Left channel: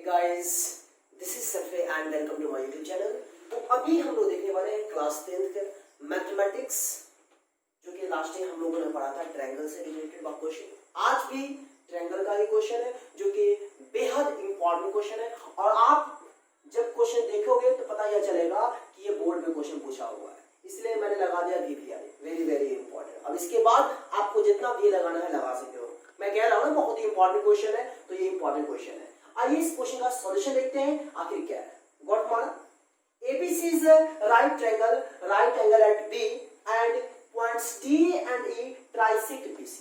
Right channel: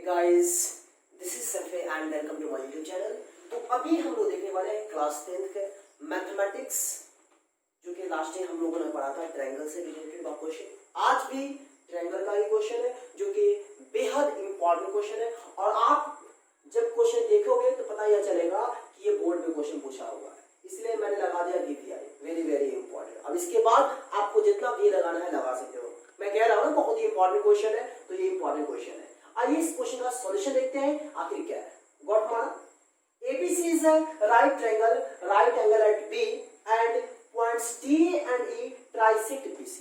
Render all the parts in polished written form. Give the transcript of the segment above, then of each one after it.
Hey guys, this is Sanjay and welcome to my YouTube channel। तो अभी हम लोग देखने वाले हैं क्लास 10th के मैथमेटिक्स, जो कि लास्ट टाइम हम लोगों ने पढ़ा था ट्रायंगल से रिलेटेड का क्वेश्चन। आज भी ट्रायंगल का ही क्वेश्चन है, जो कि बेहद इंपॉर्टेंट क्वेश्चन है। और आप जब क्वेश्चन देखोगे तो पता यह चलेगा कि ये बोर्ड में क्वेश्चन पूछा हुआ है, इसलिए मैंने लगा दिया VPR, वेरी वेरी इंपॉर्टेंट। अब इसके बाद आपको जितना भी लगाना है लगा सकते हो। मैं कह रहा हूँ बहुत ही इंपॉर्टेंट क्वेश्चन है, तो ये इंपॉर्टेंट क्वेश्चन है। आइए इस क्वेश्चन का सॉल्यूशन देखते हैं आखिर क्या है। गॉट माना ABC is a right angle at B and points D and E trisect BC.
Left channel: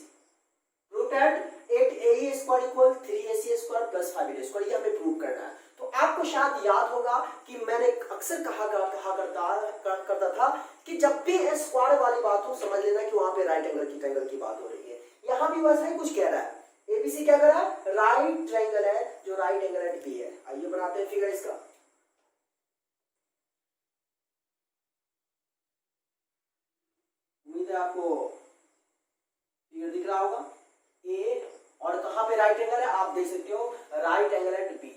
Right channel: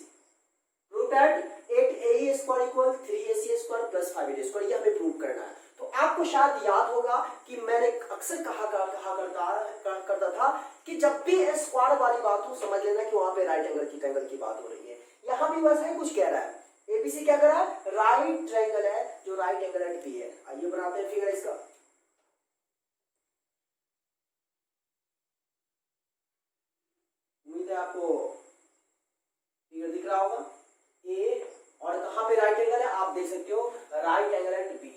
Prove that 8AE square equal 3AC square plus 5AD square, ये हमें प्रूव करना है। तो आपको शायद याद होगा कि मैंने अक्सर कहा करता था कि जब भी स्क्वायर वाली बात हो समझ लेना कि वहां पे राइट एंगल की बात हो रही है। यहां भी वैसा ही कुछ कह रहा है। एबीसी क्या कर रहा है? राइट ट्रायंगल है जो राइट एंगल एट बी है। आइए बनाते हैं फिगर इसका। उम्मीद है आपको फिगर दिख रहा होगा। ए और कहां पे राइट एंगल है आप देख सकते हो, राइट एंगल एट बी।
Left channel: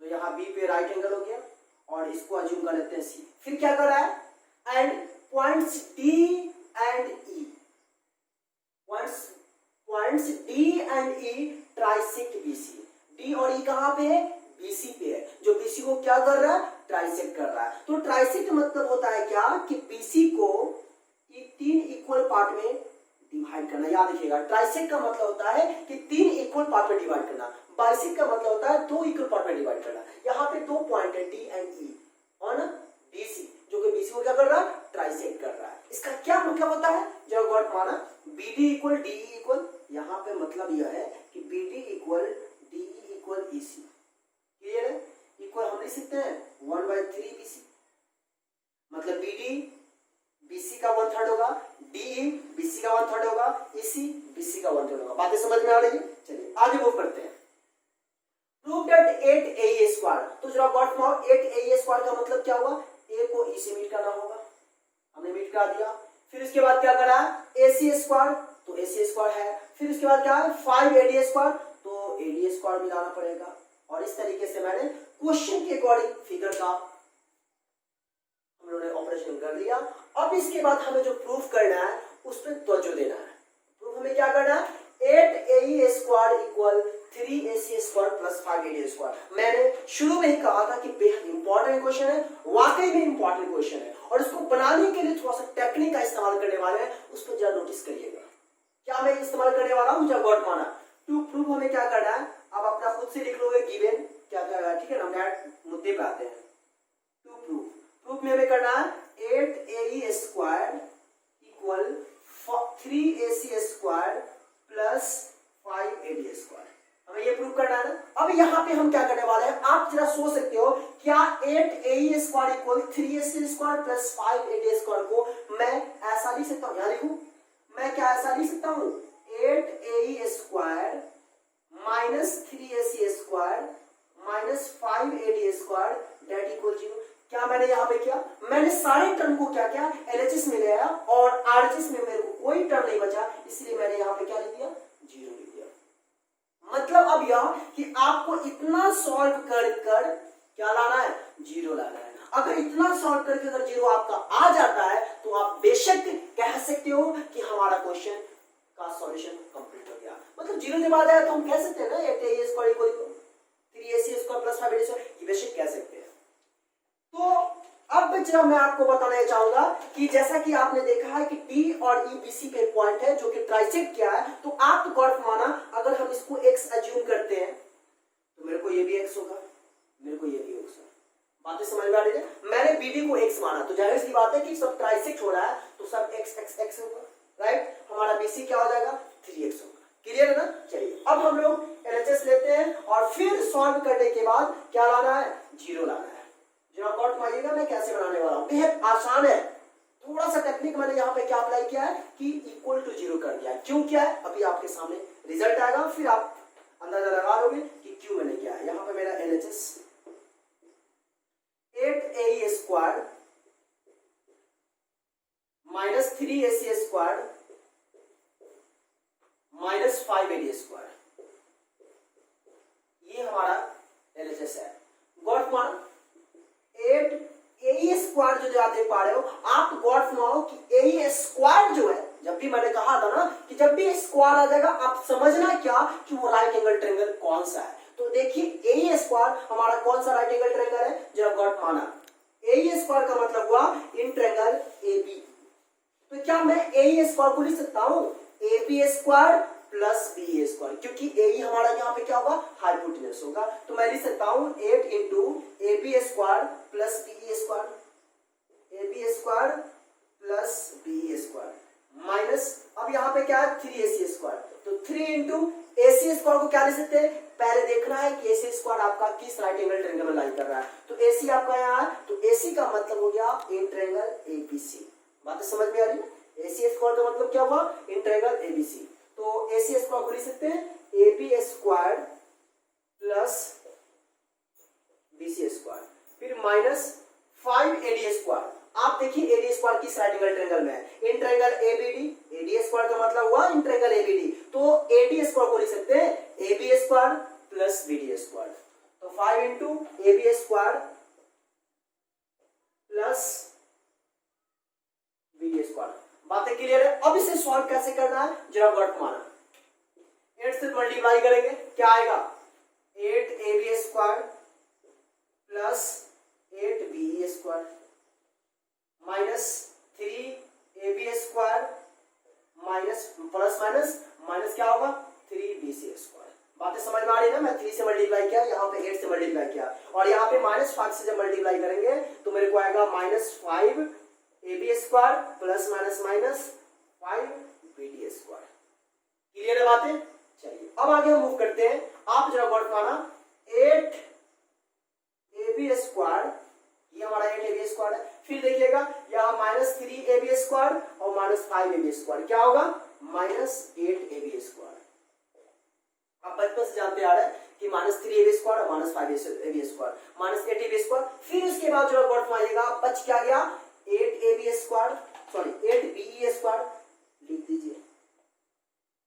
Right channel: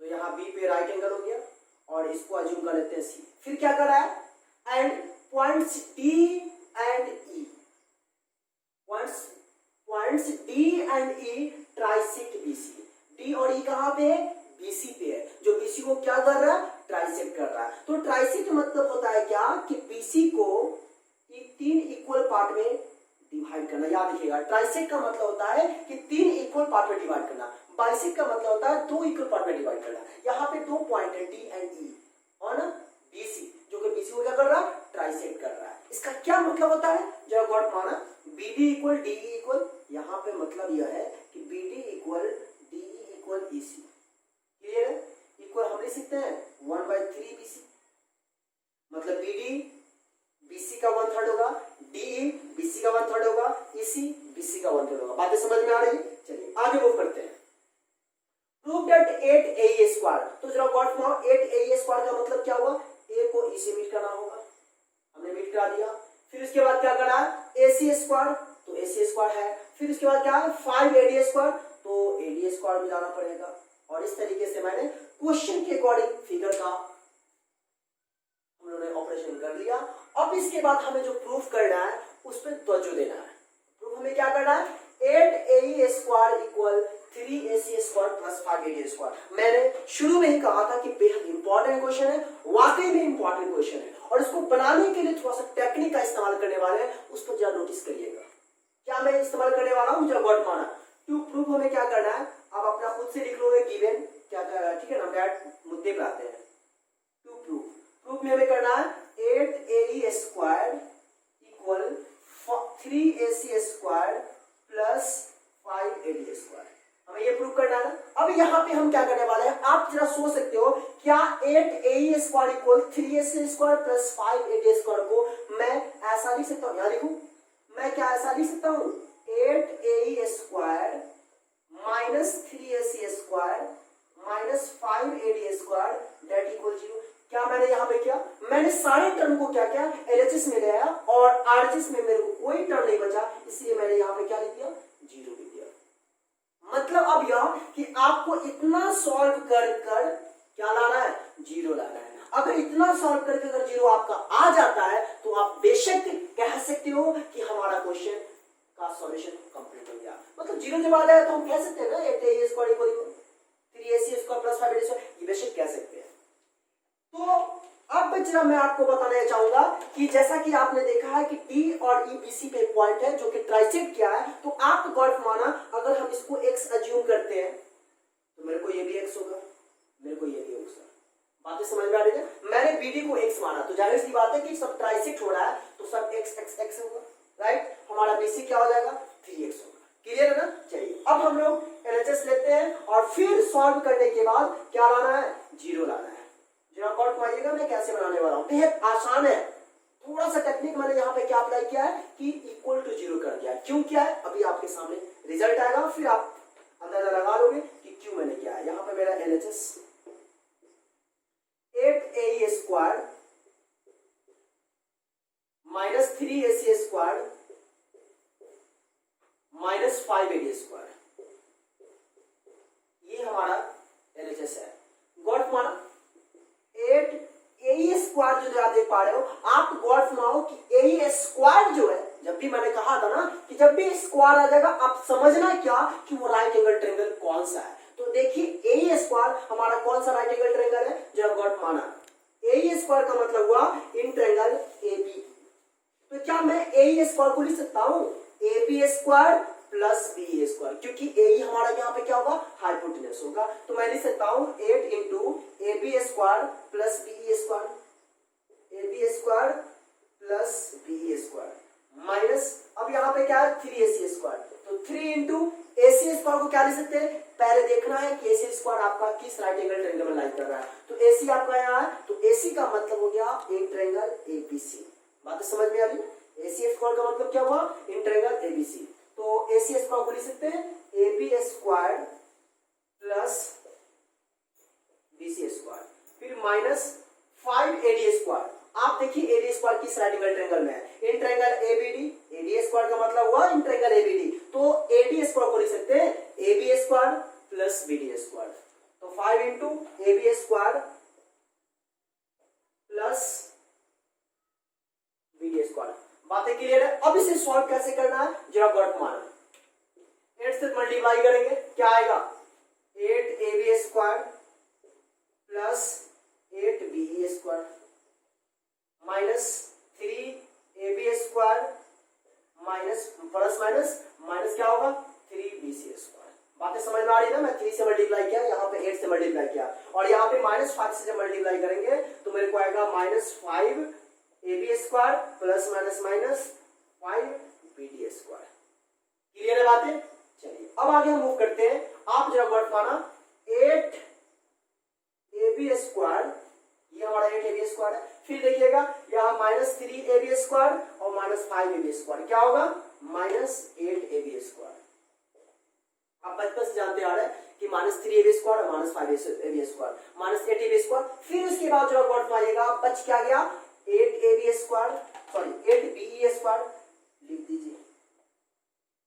तो यहाँ बी पे राइट एंगल हो गया और इसको अज्यूम कर लेते हैं सी। फिर क्या कर रहा है? And points D and E, points D and E trisect BC. D और ई कहां पे है? बीसी पे है, जो बीसी को क्या कर रहा है? ट्राइसेक्ट कर रहा है। तो ट्राइसेक्ट मतलब होता है क्या कि बीसी को तीन इक्वल पार्ट में डिवाइड करना। याद रखिएगा, ट्राइसेक्ट का मतलब होता है कि तीन इक्वल पार्ट में डिवाइड करना। बाइसेक्ट का मतलब होता है दो इक्वल पार्ट में डिवाइड करना। यहाँ पे दो पॉइंट है डी एंड ई और बीसी, जो कि बीसी को क्या कर रहा है? ट्राइसेक्ट कर रहा है। इसका क्या मतलब होता है? जब गॉट माना बीडी इक्वल डी इक्वल, यहाँ पे मतलब यह है कि BD equal D equal EC. Clear है? इक्वल हम लिख सकते हैं 1/3 बीसी, मतलब बीडी बीसी का 1/3 होगा, डी बीसी का 1/3 होगा, ईसी बीसी का 1/3 होगा। बातें समझ में आ रही है? चलिए आगे मूव करते हैं। Prove that 8AE square. तो जरा गॉट मानो 8AE स्क्वायर का मतलब क्या हुआ? ए को ई से मीट करना होगा, हमने मीट करा दिया। फिर उसके बाद क्या करना है? AC स्क्वायर, तो AC स्क्वायर है। फिर उसके बाद क्या है? 5AD स्क्वायर, तो AD स्क्वायर मिलाना पड़ेगा। और इस तरीके से मैंने क्वेश्चन के अकॉर्डिंग फिगर का हम लोगों ने ऑपरेशन कर लिया। अब इसके बाद हमें जो प्रूफ करना है उस पर तवज्जो देना है। प्रूफ हमें क्या करना है? 8AE square equal 3AC square plus 5AD square. मैंने शुरू में ही कहा था कि बेहद इंपॉर्टेंट क्वेश्चन है, वाकई में इंपॉर्टेंट क्वेश्चन है। और इसको बनाने के लिए थोड़ा सा टेक्निक का इस्तेमाल करने वाले हैं, उस पर जरा नोटिस करिएगा। क्या मैं इस्तेमाल करने वाला हूं? जब वर्ड माना टू प्रूफ हमें क्या करना है, आप अपना खुद से लिख लोगे गिवन क्या करना है। ठीक है ना, डायरेक्ट मुद्दे पे आते हैं। टू प्रूफ में हमें करना है 8AE square equal 3AC square plus 5AD square. हमें ये प्रूफ करना है ना। अब यहाँ पे हम क्या करने वाले हैं, आप जरा सोच सकते हो, क्या 8AE square equal 3AC square plus 5AD square को मैं ऐसा लिख सकता हूँ? यहाँ लिखूं मैं, क्या ऐसा लिख सकता हूँ? 8AE square minus 3AC square minus 5AD square that equal 0। क्या मैंने यहाँ पे किया? मैंने सारे टर्म को क्या किया? LHS में ले आया और RHS में मेरे को कोई टर्म नहीं बचा, इसलिए मैंने यहाँ पे क्या लिख दिया? 0 लिख दिया। मतलब अब यह कि आपको इतना सॉल्व कर क्या लाना है? 0 लाना है। अगर इतना सॉल्व करके अगर 0 आपका आ जाता है तो आप बेशक कह सकते हो कि हमारा क्वेश्चन का सॉल्यूशन कंप्लीट हो गया। मतलब 0 जब आ जाए तो हम कह सकते हैं ना 8AE square equal 3AC square plus 5AD square, ये बेशक कह सकते हैं। तो अब जरा मैं आपको बताना चाहूंगा कि जैसा कि आपने देखा है कि डी और ई बीसी पे पॉइंट है जो कि ट्राइसेक्ट किया है, तो आप गौर माना अगर हम इसको x अज्यूम करते हैं तो मेरे को ये भी x होगा, मेरे को ये भी x होगा। बातें समझ में आ रही है? मैंने बीडी को x माना, तो जाहिर सी बात है कि सब ट्राइसेक्ट हो रहा है तो सब x होगा, राइट। हमारा बीसी क्या हो जाएगा? 3x होगा। क्लियर है ना? चलिए अब हम लोग LHS लेते हैं और फिर सॉल्व करने के बाद क्या लाना है? 0 लाना है। जरा कॉट मारिएगा मैं कैसे बनाने वाला हूं, बेहद आसान है। थोड़ा सा टेक्निक मैंने यहाँ पे क्या अप्लाई किया है कि इक्वल टू 0 कर दिया। क्यों किया है अभी आपके सामने रिजल्ट आएगा, फिर आप अंदाजा लगा लोगे कि क्यों मैंने किया है। यहाँ पे मेरा LHS 8AE square minus 3AC square minus 5AD square, ये हमारा आप गौर फरमाओ कि ए स्क्वायर जो है, जब भी मैंने कहा था ना कि जब भी स्क्वायर आ जाएगा आप समझना क्या कि वो राइट एंगल ट्रायंगल कौन सा है। तो देखिए ए स्क्वायर हमारा कौन सा राइट एंगल ट्रायंगल है जो गॉट माना। ए स्क्वायर का मतलब हुआ इन ट्रायंगल ए बी। तो क्या मैं ए स्क्वायर को लिख सकता हूं A B square plus B square, क्योंकि ए हमारा यहाँ पे क्या होगा हाइपोटेनस होगा। तो मैं लिख सकता हूं 8 into A B square plus B square, A B square plus B square minus, अब यहाँ पे क्या है 3ac स्क्वायर, तो 3 इंटू ac स्क्वायर को क्या लिख सकते हैं, पहले देखना है कि ac स्क्वायर आपका किस राइट एंगल ट्रायंगल में लाइन कर रहा है। तो ac आपका यहाँ है, तो ac का मतलब हो गया इन ट्रायंगल abc। बात समझ में आ रही है? ac स्क्वायर का मतलब क्या हुआ इन ट्रायंगल abc। तो ac स्क्वायर को लिख सकते हैं ab square plus bc square, फिर माइनस 5ad स्क्वायर। आप देखिए एडी स्क्वायर किस राइट एंगल ट्रायंगल में है, in triangle ABD. AD square का मतलब हुआ इन ट्रायंगल एबीडी, तो एडी स्क्वायर को लिख सकते हैं AB square plus BD square. तो 5 into AB square plus BD square. बातें क्लियर है? अब इसे सॉल्व कैसे करना है जरा गौर माना। 8 से मल्टीप्लाई करेंगे क्या आएगा 8ab square plus 8b square minus 3ab square minus plus minus minus क्या होगा 3bc स्क्वायर। बातें समझ में आ रही है ना? मैं 3 से मल्टीप्लाई किया, यहाँ पे 8 से मल्टीप्लाई किया, और यहाँ पे -5 से जब मल्टीप्लाई करेंगे तो मेरे को आएगा -5ab square plus minus minus 5bd square. Clear है बातें? चलिए अब आगे हम मूव करते हैं। आप जरा गौर करना 8ab स्क्वायर, ये हमारा 8ab स्क्वायर है, फिर देखिएगा यहाँ -3ab स्क्वायर और -5ab स्क्वायर क्या होगा -8ab स्क्वायर। आप बचपन से जानते आ रहे हैं कि -3ab स्क्वायर और -5ab स्क्वायर -8ab स्क्वायर। फिर उसके बाद जो गौर फरमाइएगा बच क्या गया 8ab square, sorry 8be square लिख दीजिए,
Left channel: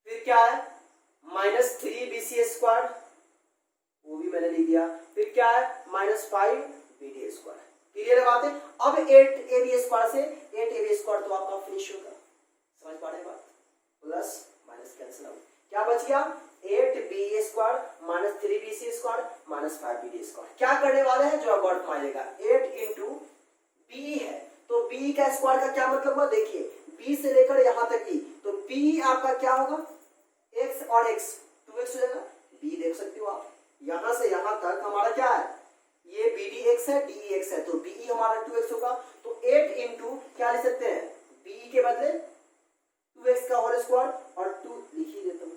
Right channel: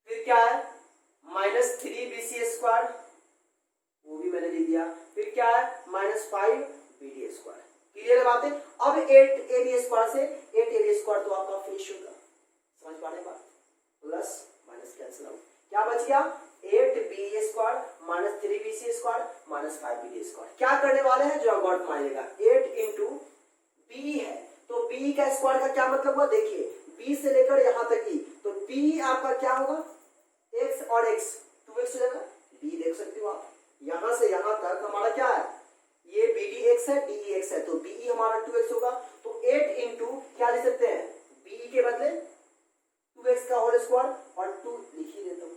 फिर क्या है -3bc स्क्वायर, वो भी मैंने लिख दिया, फिर क्या है -5bd स्क्वायर। क्लियर है बातें? अब 8ab स्क्वायर से 8ab स्क्वायर तो आपका फिनिश होगा, समझ पा रहे हैं बात? प्लस माइनस कैंसिल आउट, क्या बच गया 8b square minus 3bc square minus 5bd square. क्या करने वाले हैं जो गॉट मारेगा 8 इंटू b है, तो b का स्क्वायर का क्या मतलब हुआ, देखिए b से लेकर यहां तक की, तो b आपका क्या होगा x और x 2x हो जाएगा, b देख सकते हो आप, यहां से यहां तक हमारा क्या है ये bdx है dx है, तो be हमारा 2x होगा। तो 8 इंटू क्या लिख सकते हैं b के बदले 2x का होल स्क्वायर और 2 लिख ही देता हूं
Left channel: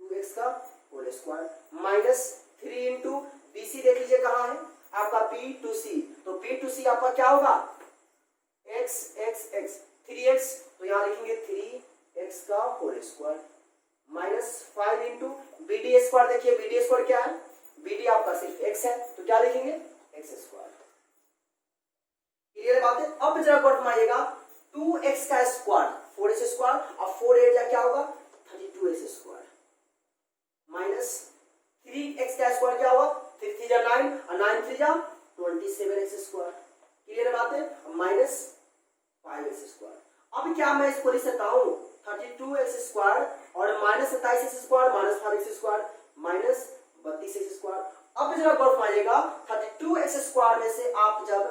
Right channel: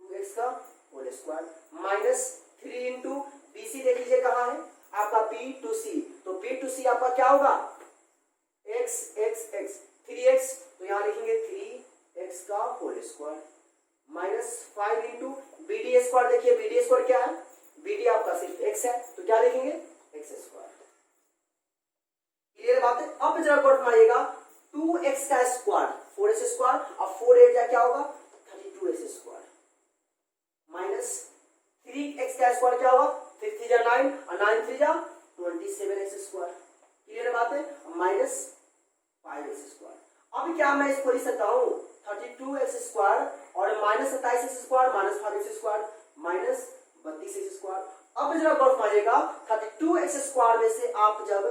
2x का whole square minus 3 into bc देख लीजिए कहां है आपका b टू c, तो b टू c आपका क्या होगा x x x 3x, तो यहां लिखेंगे 3x का whole square minus 5 into bd square. देखिए bd स्क्वायर क्या है, bd आपका सिर्फ x है, तो क्या लिखेंगे x स्क्वायर। क्लियर बात है? अब जरा गौर मारिएगा 2x का स्क्वायर 4x स्क्वायर और 4 8 क्या होगा 32x स्क्वायर माइनस 3x का स्क्वायर क्या होगा 3 3 जा 9 और 9 3 जा 27x स्क्वायर। क्लियर बात है? Minus 5x square. अब क्या मैं इसको लिख सकता हूं 32x स्क्वायर और minus 27x square minus 5x square minus 32x square. अब जरा गौर मारिएगा 32x स्क्वायर में से आप जब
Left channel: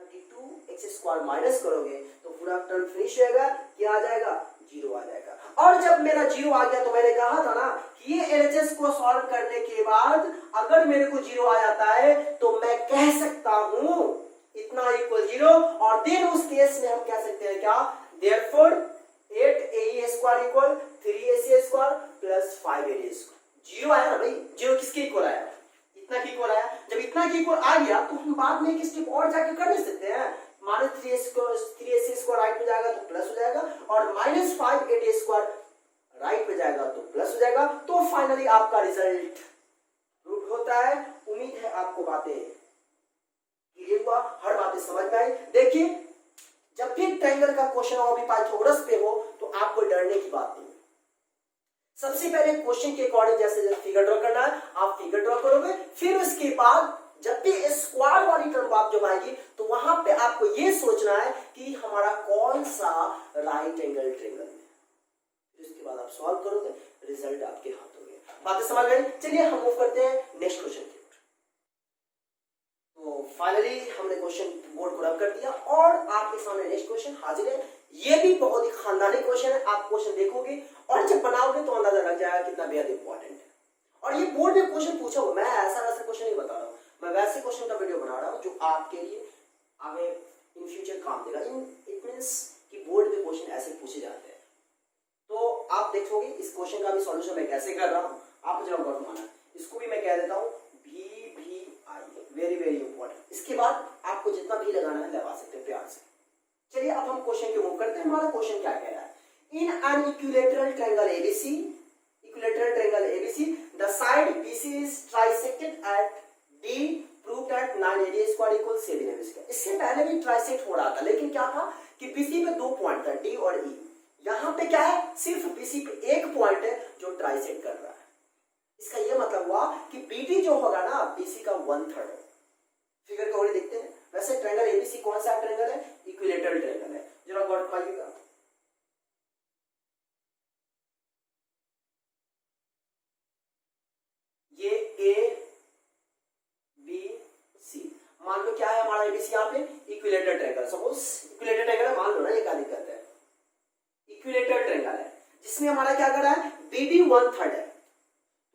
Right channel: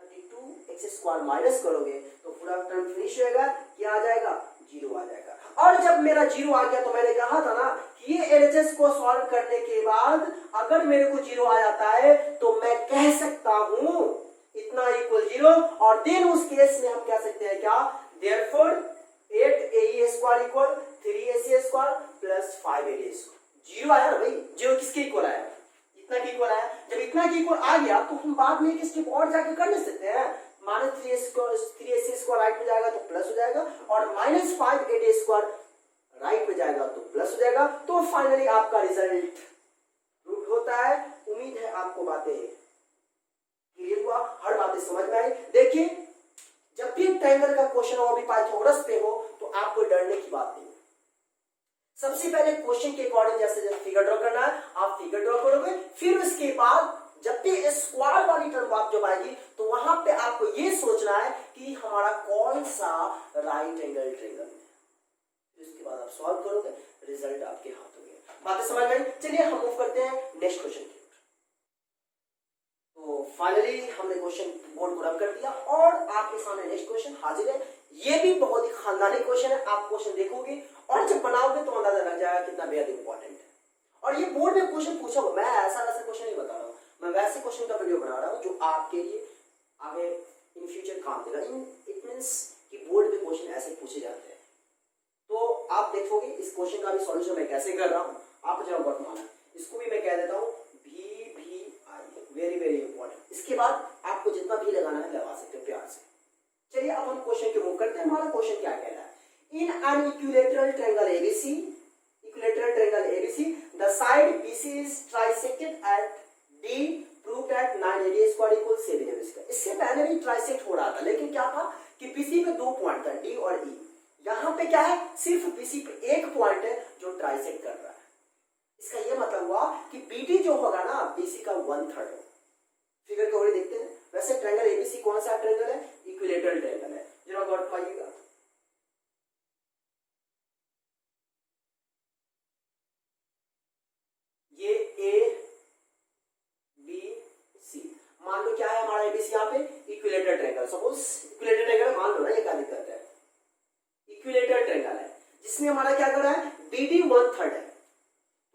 32x स्क्वायर माइनस करोगे तो पूरा टर्म फिनिश होगा, क्या आ जाएगा 0 आ जाएगा। और जब मेरा 0 आ गया तो मैंने कहा था ना कि ये LHS को सॉल्व करने के बाद अगर मेरे को 0 आ जाता है तो मैं कह सकता हूं इतना इक्वल 0, और देन उस केस में हम कह सकते हैं क्या therefore 8ae square equal 3ac square plus 5ad square. 0 आया ना भाई, 0 किसके इक्वल आया, इतना की इक्वल आया। जब इतना की इक्वल आ गया तो हम बाद में एक स्टेप और जाके कर नहीं सकते हैं, माइनस 3ac स्क्वायर राइट में जाएगा तो प्लस हो जाएगा और माइनस 5ad स्क्वायर राइट में जाएगा तो प्लस हो जाएगा। तो फाइनली आपका रिजल्ट प्रूव होता है। उम्मीद है आपको बातें क्लियर हुआ, हर बातें समझ में आई। देखिए जब भी ट्रायंगल का क्वेश्चन और भी पाइथागोरस पे हो तो आपको डरने की बात नहीं। सबसे पहले क्वेश्चन के अकॉर्डिंग जैसे फिगर ड्रॉ करना है आप फिगर ड्रॉ करोगे, फिर उसके बाद जब भी स्क्वायर वाली टर्म आप जब आएगी तो वहां पे आपको ये सोचना है कि डी हमारा कौन सा राइट एंगल ट्रायंगल है। इसके बाद आप सॉल्व करोगे, रिजल्ट आपके हाथों में। बातें समझ में आई? चलिए हम मूव करते हैं नेक्स्ट क्वेश्चन की ओर। तो फाइनली हमने क्वेश्चन बोर्ड को रब कर दिया और आपके सामने नेक्स्ट क्वेश्चन हाजिर है। ये भी बहुत ही खानदानी क्वेश्चन है। आप क्वेश्चन देखोगे और जब बनाओगे तो अंदाजा लग जाएगा कितना बेहद इंपॉर्टेंट है। और ये बोर्ड में क्वेश्चन पूछा हुआ, मैं ऐसा वैसा क्वेश्चन नहीं बता रहा हूँ, मैं वैसे क्वेश्चन का वीडियो बना रहा हूँ जो आपके लिए आगे इन फ्यूचर काम देगा। इट मींस कि बोर्ड में क्वेश्चन ऐसे पूछे जाते हैं। तो आप देखोगे इस क्वेश्चन का भी सॉल्यूशन मैं कैसे कर रहा हूँ, आप जरा गौर माना। इसको भी मैं कह देता हूँ VVI, वेरी वेरी इंपॉर्टेंट। इसके बाद आपको जितना भी लगाना है लगा सकते हैं प्यार से। चलिए अब हम क्वेश्चन के मूव करते हैं। हमारा क्वेश्चन क्या कह रहा है? In an equilateral triangle ABC, equilateral triangle ABC, the side BC is trisected at D, prove that 9AD square equal 7AB square. इससे पहले भी ट्राइसेक्ट हो रहा था, लेकिन क्या था कि BC पे दो पॉइंट था, D और E। यहां पे क्या है? सिर्फ BC पे एक पॉइंट है जो ट्राइसेक्ट कर रहा है। इसका यह मतलब हुआ कि BD जो होगा ना BC का 1/3 है। फिगर को देखते हैं। वैसे ट्रायंगल ABC कौन सा ट्रायंगल है? इक्विलेटरल ट्रायंगल है। जरा गौर पाइएगा, ये ABC मान लो क्या है हमारा ABC यहाँ पे? Equilateral triangle. Suppose equilateral triangle मान लो ना, ये क्या दिक्कत है? इक्विलेटरल ट्रायंगल है जिसमें हमारा क्या कर रहा है? BD 1/3 है।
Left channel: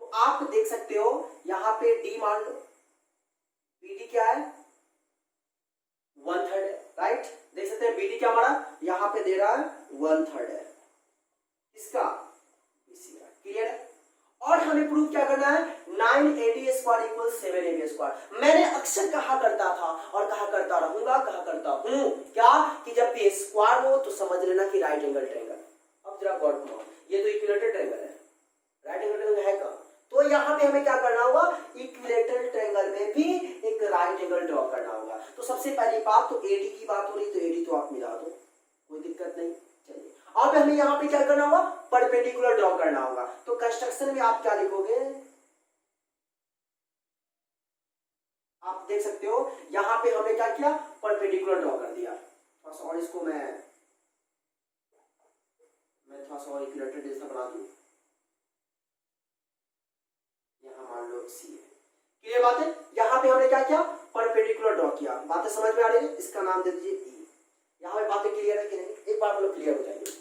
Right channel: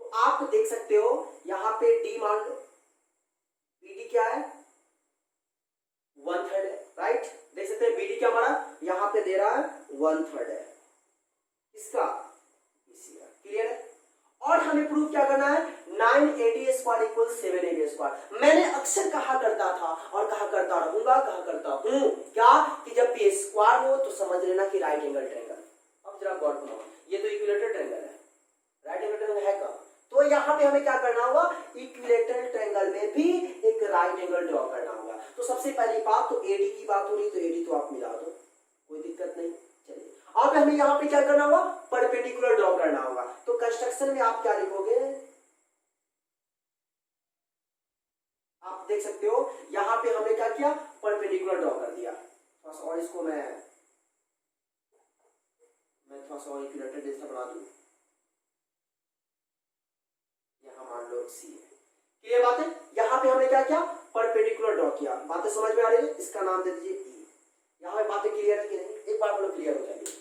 तो आप देख सकते हो यहां पे D मान लो, BD क्या है? 1/3 है, राइट? देख सकते हैं BD क्या हमारा यहां पे दे रहा है 1/3 है। इसका BC का क्लियर है। और हमें प्रूफ क्या करना है? 9AD square equal 7AB square. मैंने अक्सर कहा करता था और कहा करता रहूंगा, कहा करता हूं क्या कि जब भी स्क्वायर हो तो समझ लेना कि राइट एंगल ट्रायंगल। अब जरा गौर करो, ये तो इक्विलेटरल ट्रायंगल है, राइट एंगल ट्रायंगल है कहां? तो यहां पे हमें क्या करना होगा? इक्विलेटरल ट्रायंगल में भी एक राइट एंगल ड्रॉ करना होगा। तो सबसे पहली बात तो AD की बात हो रही, तो AD तो आप मिला दो, कोई दिक्कत नहीं। चलिए अब हमें यहाँ पे क्या करना होगा? परपेंडिकुलर ड्रॉ करना होगा। तो कंस्ट्रक्शन में आप क्या लिखोगे? आप देख सकते हो यहाँ पे हमने क्या किया? परपेंडिकुलर ड्रॉ कर दिया। थोड़ा सा और इसको मैं थोड़ा सा और इक्विलेटरल जैसा बना दूं। यहाँ मान लो C है। क्लियर बात है? यहाँ पे हमने क्या किया? परपेंडिकुलर ड्रॉ किया। बातें समझ में आ रही है? इसका नाम दे दीजिए E। यहाँ पे बातें क्लियर है कि नहीं? एक बार मतलब क्लियर हो जाएगी।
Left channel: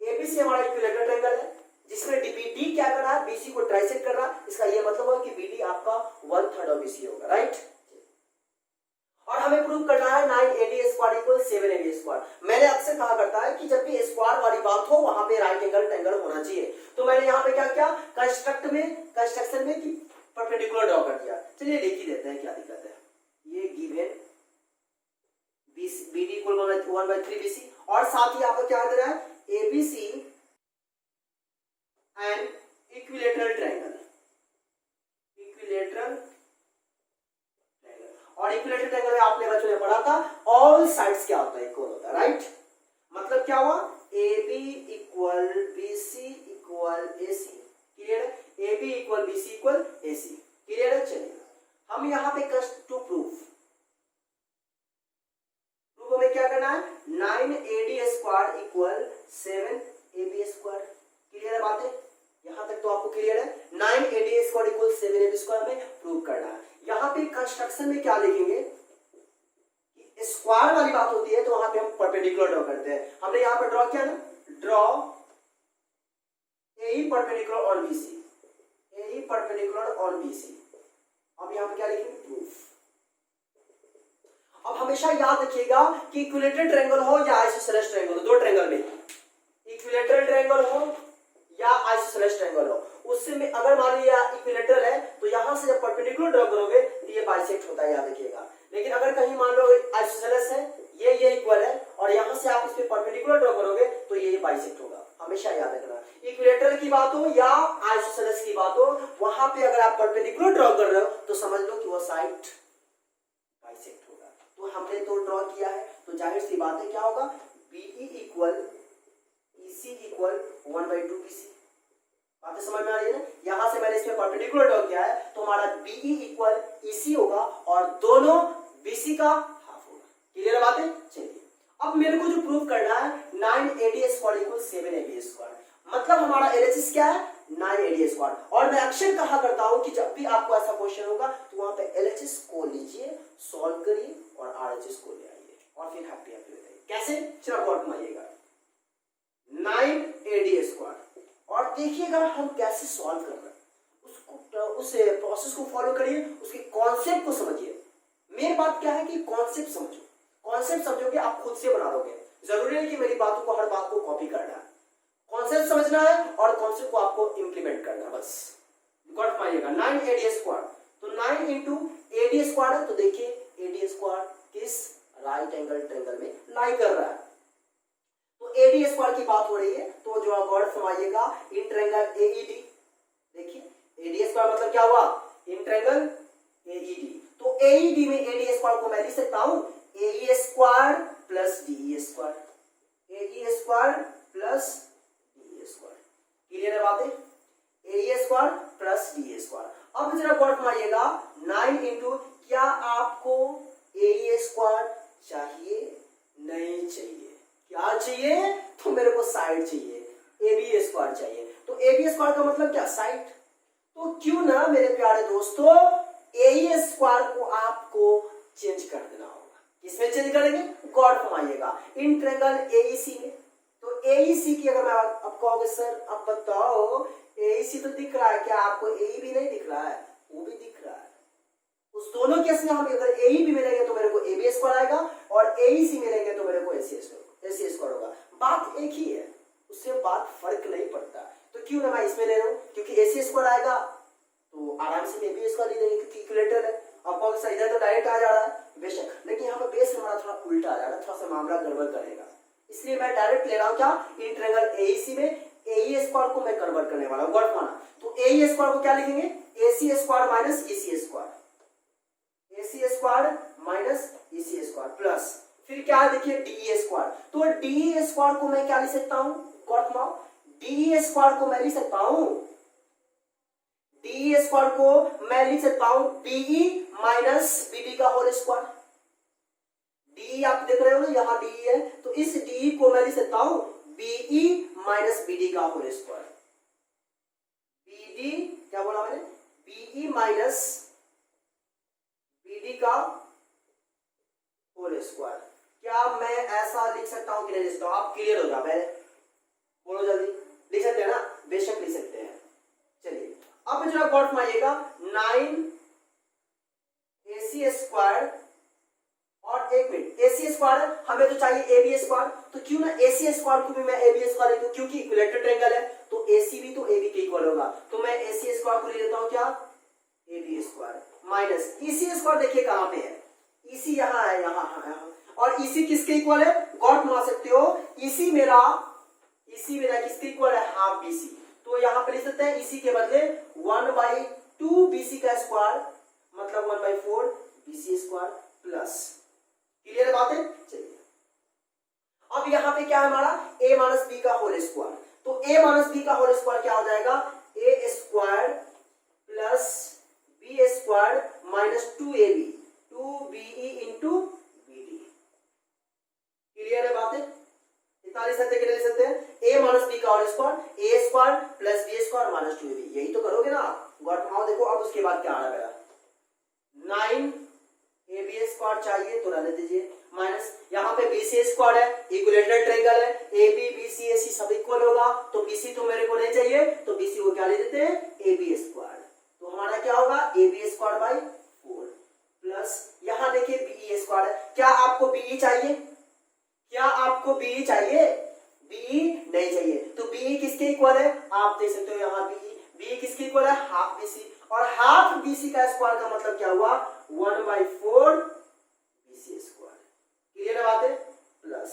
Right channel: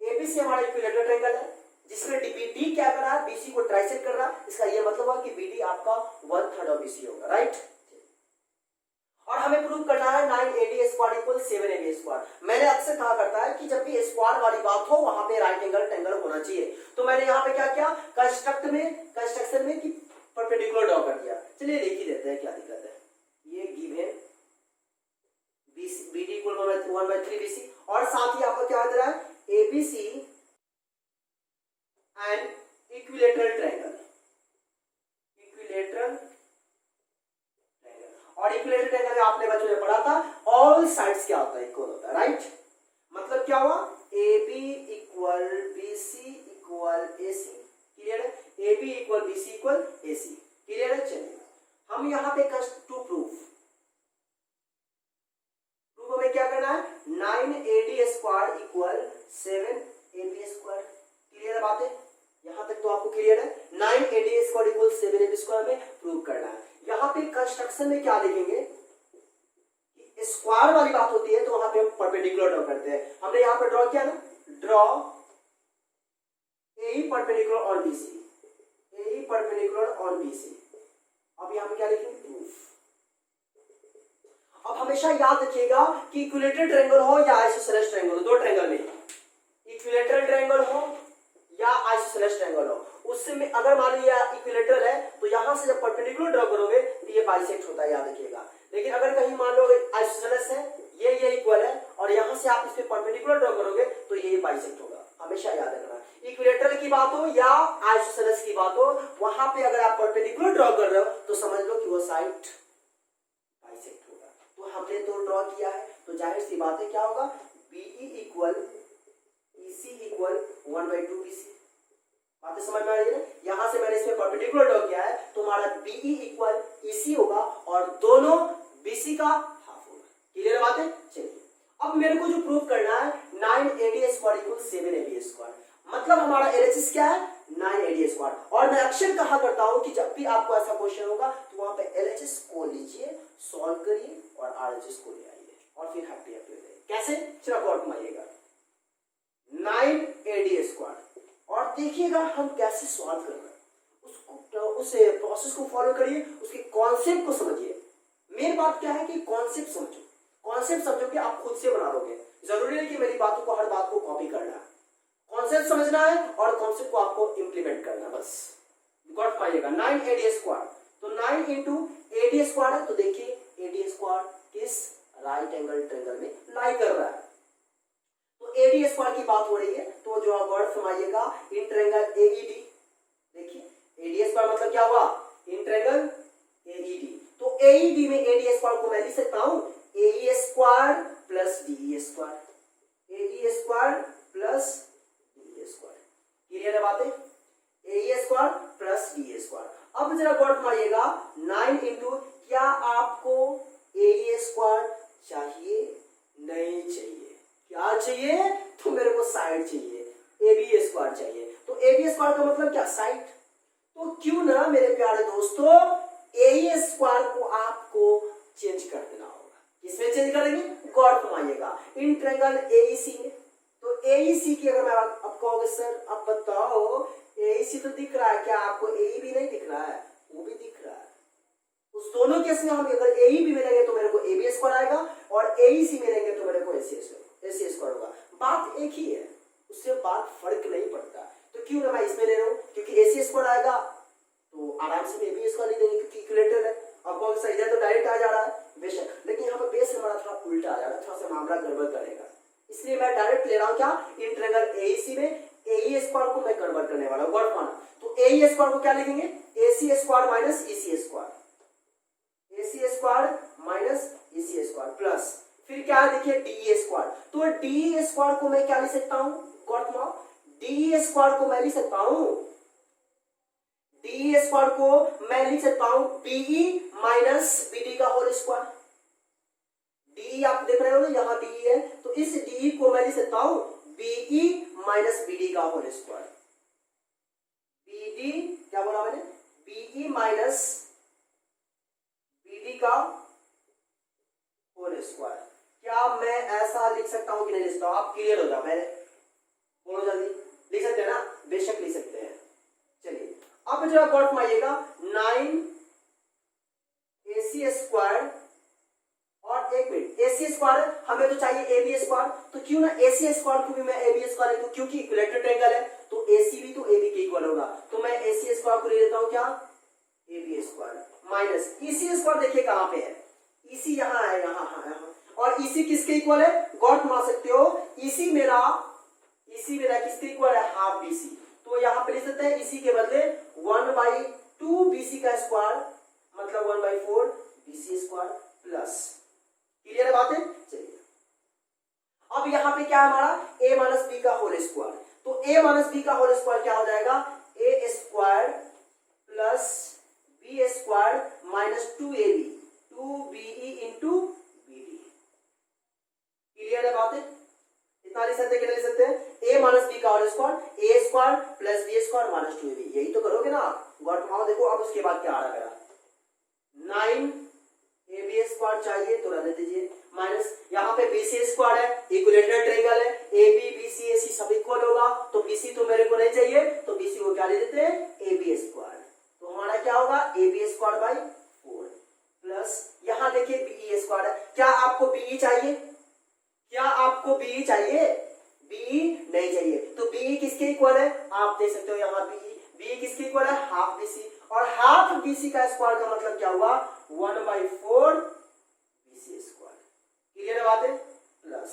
ABC हमारा इक्विलेटरल ट्रायंगल है जिसमें DBD क्या कर रहा है? BC को ट्राइसेक्ट कर रहा है। इसका ये मतलब है कि BD आपका 1/3 ऑफ BC होगा, राइट? और हमें प्रूव करना है 9AD square equal 7AB square. मैंने अक्सर कहा करता है कि जब भी स्क्वायर वाली बात हो वहां पे राइट एंगल ट्रायंगल होना चाहिए। तो मैंने यहाँ पे क्या किया? कंस्ट्रक्शन में कि परपेंडिकुलर ड्रॉ कर दिया। चलिए लिख ही देते हैं, क्या दिक्कत है? ये गिवन BD इक्वल 1/3 BC और साथ ही आपको क्या दे रहा है? ABC and equilateral triangle, equilateral और इक्विलेटरल ट्रायंगल में आपने बच्चों ने पढ़ा था ऑल साइड्स क्या होता है? इक्वल होता है, राइट? मतलब क्या हुआ? AB equal BC equal AC। Clear है? AB equal BC equal AC। Clear है? चलिए हम यहाँ पे टू प्रूफ हमें क्या करना है? 9AD square equal 7AB square. Clear है बातें? यहां तक तो आपको क्लियर है? 9AD square equal 7AB square में प्रूव करना है। यहां पे कंस्ट्रक्शन में क्या लिखेंगे? स्क्वायर वाली बात होती है तो वहां पे हम परपेंडिकुलर ड्रॉ करते हैं। हमने यहां पर ड्रॉ किया ना, draw AE perpendicular on BC, AE perpendicular on BC। अब यहां पे क्या लिखेंगे? प्रूफ। अब हमेशा याद रखिएगा कि इक्विलेटरल ट्रायंगल हो या आइसोसेलेस ट्रायंगल हो, दो ट्रायंगल में इक्विलेटरल ट्रायंगल हो या आइसोसेलेस ट्रायंगल हो, उसमें अगर मान लीजिए इक्विलेटरल है तो यहां से जब परपेंडिकुलर ड्रॉ करोगे तो ये बाइसेक्ट होता है, याद रखिएगा। लेकिन अगर कहीं मान लो आइसोसेलेस है, ये इक्वल है और यहां से आप इस पे परपेंडिकुलर ड्रॉ करोगे तो ये बाइसेक्ट होगा। हमेशा याद रखना, इक्विलेटरल की बात हो या आइसोसेलेस की बात हो, वहां पे अगर आप परपेंडिकुलर ड्रॉ कर रहे हो तो समझ लो कि वो साइड बाइसेक्ट होगा। तो हमने तो ड्रॉ किया है तो जाहिर सी बात है क्या होगा? BE equal EC equal 1/2 BC। बातें समझ में आ रही है? यहां से मैंने इसमें परपेंडिकुलर ड्रॉ किया है तो हमारा BE इक्वल EC होगा और दोनों BC का हाफ होगा। क्लियर है बातें? चलिए अब मेरे को जो प्रूव करना है 9AD square equal 7AB square, मतलब हमारा LHS क्या है 9AD स्क्वायर। और मैं अक्सर कहा करता हूं कि जब भी आपको ऐसा क्वेश्चन होगा तो वहां पे LHS को लीजिए, सॉल्व करिए और RHS को ले आइए और फिर हैप्पी हैप्पी हो जाइए। कैसे, चलो गौर घुमाइएगा 9AD स्क्वायर और देखिएगा हम कैसे सॉल्व कर रहे हैं, उसको उस प्रोसेस को फॉलो करिए, उसके कॉन्सेप्ट को समझिए। मेन बात क्या है कि कॉन्सेप्ट समझो, कॉन्सेप्ट समझोगे आप खुद से बना लोगे, जरूरी है कि मेरी बातों को हर बात को कॉपी करना है, कॉन्सेप्ट समझना है और कॉन्सेप्ट को आपको इंप्लीमेंट करना है, बस गॉट पाइएगा। 9AD स्क्वायर, तो 9 इंटू AD स्क्वायर है, तो देखिए AD स्क्वायर किस राइट एंगल ट्रायंगल में लाई कर रहा है, तो AD स्क्वायर की बात हो रही है, तो जो आप वर्ड समझिएगा इन ट्रायंगल AED, देखिए AD स्क्वायर मतलब क्या हुआ, इन ट्रायंगल AED, तो AED में AD स्क्वायर को मैं लिख सकता हूं AE square plus DE square, AE square plus DE square, clear है बातें, AE square plus DE square. अब जरा गौर मारिएगा 9 इंटू, क्या आपको AE स्क्वायर चाहिए, नहीं चाहिए, क्या चाहिए, तो मेरे को साइड चाहिए, AB स्क्वायर चाहिए, तो AB स्क्वायर का मतलब क्या, साइड, तो क्यों ना मेरे प्यारे दोस्तों AE स्क्वायर को आपको चेंज कर देना होगा, किसमें चेंज करेंगे, गौर फरमाइएगा इन ट्रायंगल AEC में, तो AEC की अगर मैं आप कहोगे सर अब बताओ AEC तो दिख रहा है, क्या आपको AE भी नहीं दिख रहा है, वो भी दिख रहा है, उस दोनों केस में हम अगर AE भी मिलेंगे तो मेरे को AB स्क्वायर आएगा और AEC मिलेंगे तो मेरे को AC स्क्वायर होगा, बात एक ही है, उससे बात फर्क नहीं पड़ता, तो क्यों ना मैं इसमें ले रहा हूं, क्योंकि AC स्क्वायर आएगा तो आराम से AB स्क्वायर ले लेंगे क्योंकि इक्विलेटरल है। अब कौन सा इधर तो डायरेक्ट आ जा रहा है बेशक, लेकिन यहाँ पे बेस हमारा थोड़ा उल्टा आ जाएगा, थोड़ा सा मामला गड़बड़ करेगा, इसलिए मैं डायरेक्ट ले रहा हूँ क्या, इन ट्रायंगल AEC में AE स्क्वायर को मैं कन्वर्ट करने वाला हूँ, वर्ड माना, तो AE स्क्वायर को क्या लिखेंगे AC square minus EC square, AC square minus EC square plus फिर क्या है देखिए DE स्क्वायर, तो DE स्क्वायर को मैं क्या लिख सकता हूँ, गॉट नाउ, DE स्क्वायर को मैं लिख सकता हूँ, DE स्क्वायर को मैं लिख सकता हूं BE माइनस BD का होल स्क्वायर, DE आप देख रहे हो ना यहाँ BE है, तो इस DE को मैं लिख सकता हूं BE माइनस BD का होल स्क्वायर, BD क्या बोला मैंने, BE माइनस BD का होल स्क्वायर, क्या मैं ऐसा लिख सकता हूं कि नहीं लिख सकता हूं, आप क्लियर हो जाओ, मैं बोलो जल्दी, लिख सकते हैं ना, बेशक लिख सकते हैं। चलिए अब जरा गौर फरमाइएगा 9AC स्क्वायर और एक मिनट AC स्क्वायर हमें तो चाहिए AB स्क्वायर, तो क्यों ना AC स्क्वायर को भी मैं AB स्क्वायर लिखूं, क्योंकि इक्विलेटरल ट्रायंगल है तो AC भी तो AB के इक्वल होगा, तो मैं AC स्क्वायर को ले लेता हूं क्या, AB square minus EC square, देखिए कहां पे है, EC यहां है, यहां और EC किसके इक्वल है, गौर फरमा सकते हो, EC मेरा किसके इक्वल है, हाफ BC, तो यहां पे लिख सकते हैं EC के बदले 1/2 BC का स्क्वायर मतलब 1/4 BC स्क्वायर प्लस, क्लियर है बातें, चलिए अब यहां पे क्या है हमारा A माइनस B का होल स्क्वायर, तो A माइनस B का होल स्क्वायर क्या हो जाएगा, A square plus B square minus 2AB 2BE into BD, clear है बातें, इतना लिख सकते कि नहीं लिख सकते हैं, A माइनस B का whole square A square plus B square minus 2AB, यही तो करोगे ना आप, गॉट नाउ देखो अब उसके बाद क्या आ रहा है मेरा 9AB स्क्वायर चाहिए तो रहने दीजिए, माइनस यहाँ पे BC स्क्वायर है, इक्विलेटरल ट्रायंगल है, AB BC AC सब इक्वल होगा, तो BC तो मेरे को नहीं चाहिए, तो BC को क्या ले देते हैं AB स्क्वायर, तो हमारा क्या होगा AB स्क्वायर बाई 4 प्लस यहाँ देखिए BE स्क्वायर है, क्या आपको BE चाहिए, क्या आपको BE चाहिए, BE नहीं चाहिए, तो BE किसके इक्वल है, आप देख सकते हो यहाँ BE किसके इक्वल है, हाफ BC, और हाफ BC का स्क्वायर का मतलब क्या हुआ 1/4 BC स्क्वायर, क्लियर है बातें, प्लस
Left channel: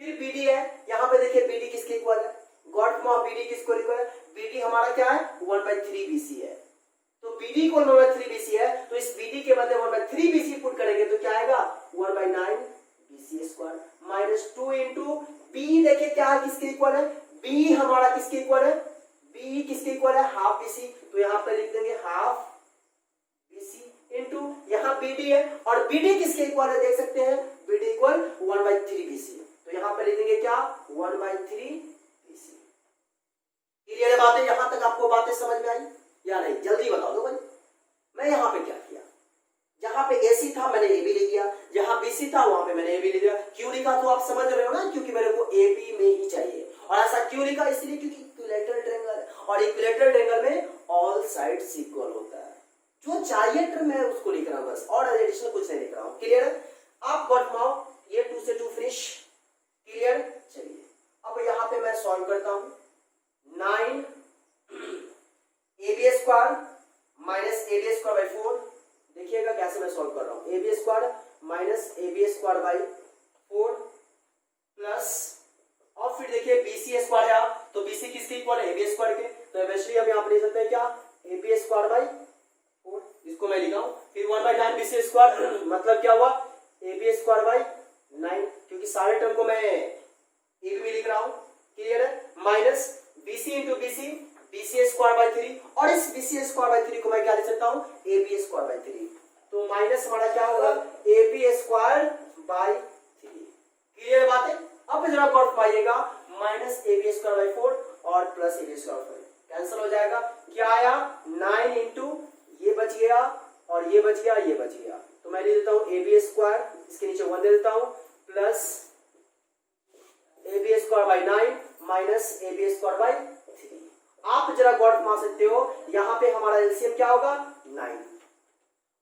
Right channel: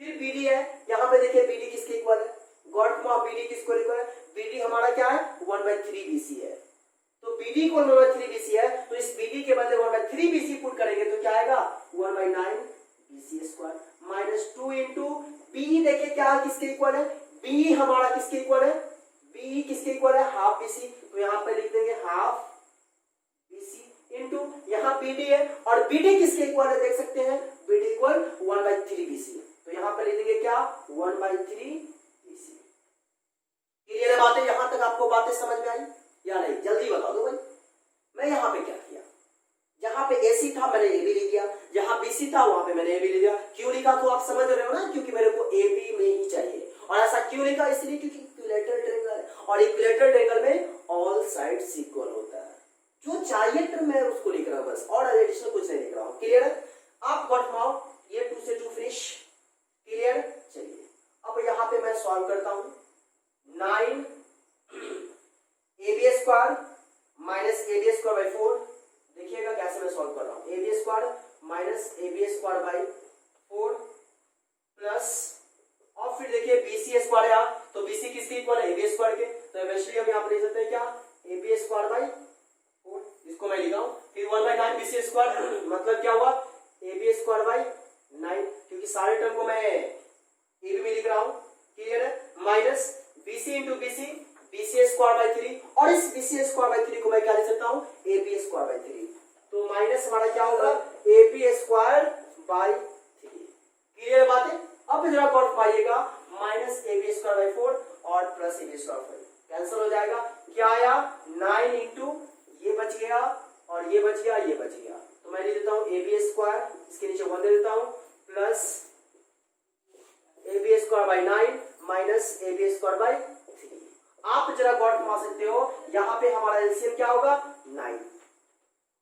फिर BD है, यहाँ पे देखिए BD किसके इक्वल है, गॉट नाउ BD किसको इक्वल है, BD हमारा क्या है 1/3 BC है, तो BD को 1/3 BC है, तो इस BD के बदले 1/3 BC पुट करेंगे तो क्या आएगा 1/9 BC square minus 2 into B, देखिए क्या है किसके इक्वल है, B हमारा किसके इक्वल है, B किसके इक्वल है हाफ BC, तो यहाँ पे लिख देंगे हाफ BC इंटू यहाँ BD है, और BD किसके इक्वल है देख सकते हैं, BD इक्वल 1/3 BC। तो यहाँ पे लिख देंगे क्या 1/3 BC। क्लियर है बातें? यहां तक आपको बातें समझ में आई या नहीं? जल्दी बता दो भाई। मैं यहाँ पे क्या किया, जहां पे AC था मैंने AB लिख दिया, जहां BC था वहां पे मैंने AB लिख दिया। क्यों लिखा तो आप समझ रहे हो ना, क्योंकि मेरे को AB में ही चाहिए। और ऐसा क्यों लिखा? इसलिए क्योंकि इक्विलेटरल ट्रायंगल है, और इक्विलेटरल ट्रायंगल में ऑल साइड्स इक्वल होता है। जो चाहिए मैं उसको लिख रहा हूं बस, और एडिशनल कुछ नहीं लिख रहा हूं। क्लियर है? आप गॉट नाउ ये 2 से 2 फिनिश। क्लियर? चलिए अब यहाँ पे मैं सॉल्व करता हूं। 9 AB square minus AB square by 4। देखिएगा कैसे मैं सॉल्व कर रहा हूं। AB square minus AB square by 4 plus, और फिर देखिए BC स्क्वायर है, तो BC किसके इक्वल है? AB स्क्वायर के। तो वैसे हम यहाँ पे लिख सकते हैं क्या AB स्क्वायर बाई 4, इसको मैं लिखा हूं। फिर 1/9 BC स्क्वायर, मतलब क्या हुआ AB स्क्वायर बाई 9, क्योंकि सारे टर्म को मैं AB में लिख रहा हूं। क्लियर है? Minus BC into BC, BC square by 3, और इस BC स्क्वायर बाई 3 को मैं क्या लिख सकता हूं AB स्क्वायर बाई 3। तो माइनस हमारा क्या होगा AB स्क्वायर बाई 3। क्लियर बात है? अब जरा गौर पाइएगा, माइनस AB स्क्वायर बाई 4 और plus AB square by 4 cancel हो जाएगा। क्या आया 9 इंटू ये बच गया और ये बच गया, ये बच गया। तो मैं लिख देता हूं AB स्क्वायर, इसके नीचे 1 दे देता हूं, plus AB square by 9 minus AB square by 3। आप जरा गौर मार सकते हो, यहां पे हमारा एलसीएम क्या होगा 9।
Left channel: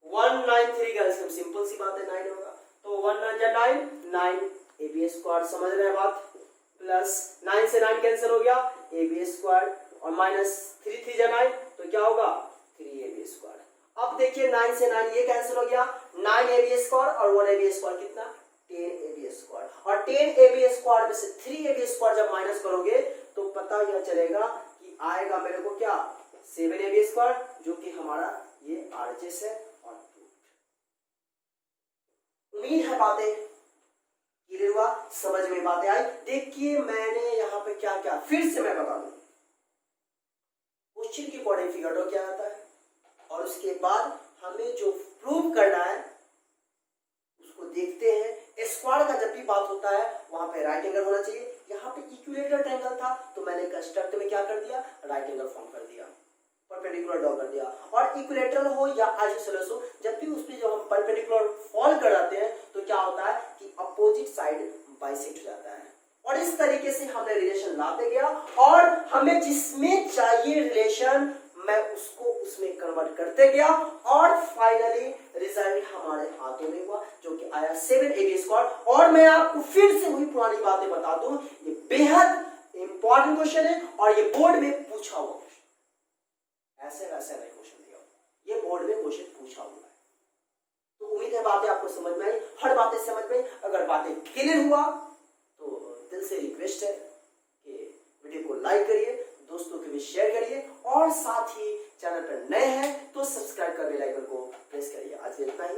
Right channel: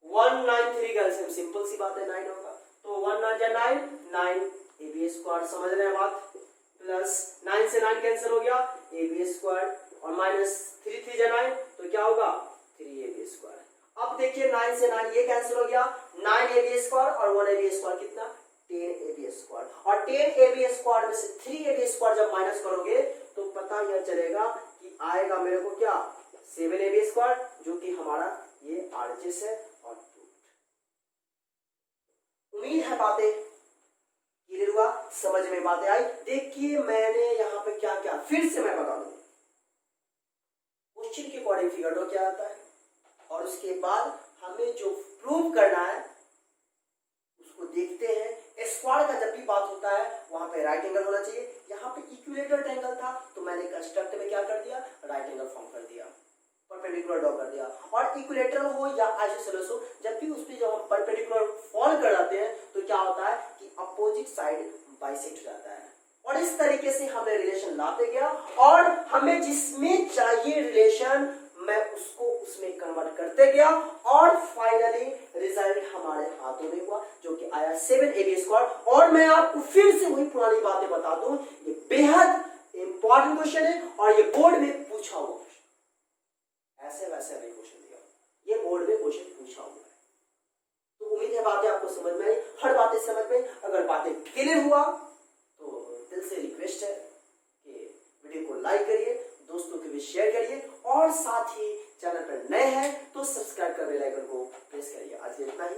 193 का एलसीएम सिंपल सी बात है 9 होगा। तो 1 9 जा 9, 9 AB स्क्वायर, समझ रहे हैं बात? प्लस 9 से 9 कैंसिल हो गया AB स्क्वायर, और माइनस 3 3 जा 9, तो क्या होगा 3AB स्क्वायर। अब देखिए 9 से 9 ये कैंसिल हो गया, 9AB स्क्वायर और 1AB स्क्वायर कितना 10AB स्क्वायर, और 10AB स्क्वायर में से 3AB स्क्वायर जब माइनस करोगे तो पता यह चलेगा कि आएगा मेरे को क्या 7AB स्क्वायर, जो कि हमारा ये RHS है। और उम्मीद है बातें क्लियर हुआ, समझ में बातें आई। देखिए मैंने यहाँ पे क्या क्या फिर से मैं बता दूं, क्वेश्चन के अकॉर्डिंग फिगर ड्रॉ क्या आता है, और उसके बाद हमें जो प्रूव करना है उसको देखते हैं। स्क्वायर का जब भी बात होता है वहां पे राइट एंगल होना चाहिए। यहाँ पे इक्विलेटरल ट्रायंगल था तो मैंने कंस्ट्रक्ट में क्या कर दिया राइट एंगल फॉर्म कर दिया, परपेंडिकुलर ड्रॉ कर दिया। और इक्विलेटरल हो या आइसोसेलेस हो, जब भी उस पे जब हम परपेंडिकुलर फॉल कर जाते हैं तो क्या होता है कि अपोजिट साइड बाइसेक्ट हो जाता है। और इस तरीके से हमने रिलेशन लाते गया, और हमें जिसमें चाहिए रिलेशन मैं उसको उसमें कन्वर्ट करते गया, और फाइनली रिजल्ट हमारे हाथों में हुआ जो कि आया 7AB स्क्वायर। और मैं आपको फिर से वही पुरानी बातें बता दूं, ये बेहद इंपॉर्टेंट क्वेश्चन है और ये बोर्ड में पूछा हुआ क्वेश्चन, ऐसे वैसे नहीं क्वेश्चन दिया, ये बोर्ड में क्वेश्चन पूछा हुआ है। तो उम्मीद है बातें आपको समझ में आई, हर बातें समझ में। अगर बातें क्लियर हुआ तो दिल से रिक्वेस्ट है कि वीडियो को लाइक करिए, दोस्तों के भी शेयर करिए, और साथ ही चैनल पर नए हैं तो सब्सक्राइब कर बेल आइकन को प्रेस करिए। आज इतना ही।